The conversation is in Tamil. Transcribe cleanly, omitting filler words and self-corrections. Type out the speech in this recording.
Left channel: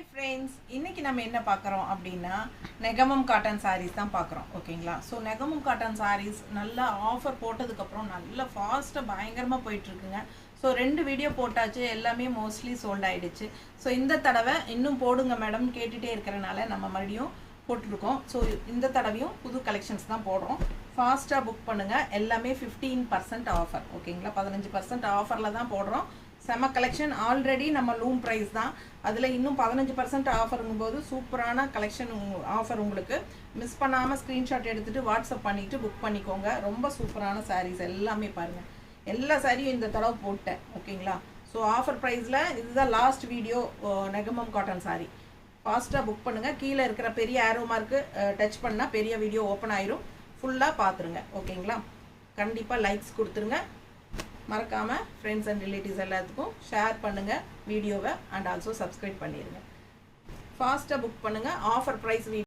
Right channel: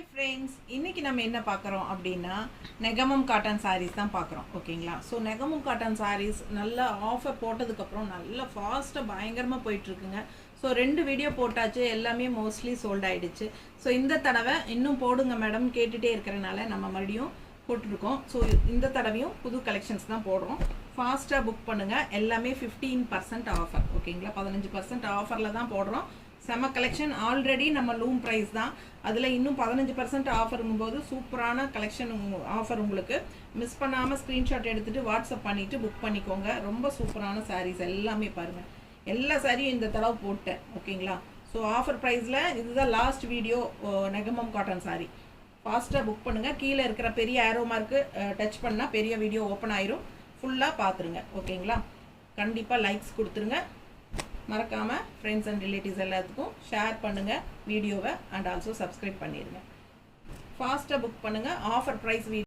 ஹாய் ஃப்ரெண்ட்ஸ், இன்னைக்கு நம்ம என்ன பார்க்குறோம் அப்படின்னா நெகமம் காட்டன் சாரீஸ் தான் பார்க்குறோம். ஓகேங்களா? ஸோ நெகமம் காட்டன் சாரீஸ் நல்லா ஆஃபர் போட்டதுக்கப்புறம் நல்லா ஃபாஸ்ட்டாக பயங்கரமாக போயிட்டுருக்குங்க. ஸோ 2 வீடியோ போட்டாச்சு, எல்லாமே மோஸ்ட்லி சோல்ட் ஆகிடுச்சு. ஸோ இந்த தடவை இன்னும் போடுங்க மேடம் கேட்டுகிட்டே இருக்கிறனால நம்ம மறுபடியும் போட்டிருக்கோம். ஸோ இந்த தடவையும் புது கலெக்ஷன்ஸ் தான் போடுறோம். ஃபாஸ்ட்டாக புக் பண்ணுங்கள். எல்லாமே 15% ஆஃபர். ஓகேங்களா? 15% ஆஃபரில் தான் போடுறோம். செம கலெக்ஷன். ஆல்ரெடி நம்ம லூம் ப்ரைஸ் தான், அதில் இன்னும் 15% ஆஃபருங்கும் போது சூப்பரான கலெக்ஷன் ஆஃபர். உங்களுக்கு மிஸ் பண்ணாமல் ஸ்க்ரீன்ஷாட் எடுத்துகிட்டு வாட்ஸ்அப் பண்ணிவிட்டு புக் பண்ணிக்கோங்க. ரொம்ப சூப்பரான சாரீஸ் எல்லாமே பாருங்கள். எல்லா சாரியும் இந்த தடவை போட்டேன். ஓகேங்களா? ஸோ ஆஃபர் ப்ரைஸில் இதுதான் last video Negamam cotton sorry. ஃபாஸ்ட்டாக புக் பண்ணுங்கள். கீழே இருக்கிற பெரிய ஆரோ மார்க்கு டச் பண்ணால் பெரிய வீடியோ ஓப்பன் ஆயிரும். ஃபுல்லாக பார்த்துருங்க. ஓகேங்களா? கண்டிப்பாக லைக்ஸ் கொடுத்துருங்க. மறக்காமல் ஃப்ரெண்ட்ஸ் அண்ட் ரிலேட்டிவ்ஸ் எல்லாத்துக்கும் ஷேர் பண்ணுங்கள் வீடியோவை. அண்ட் ஆல்சோ சப்ஸ்கிரைப் பண்ணிடுங்க. ஃபாஸ்ட்டாக புக் பண்ணுங்கள். Offer price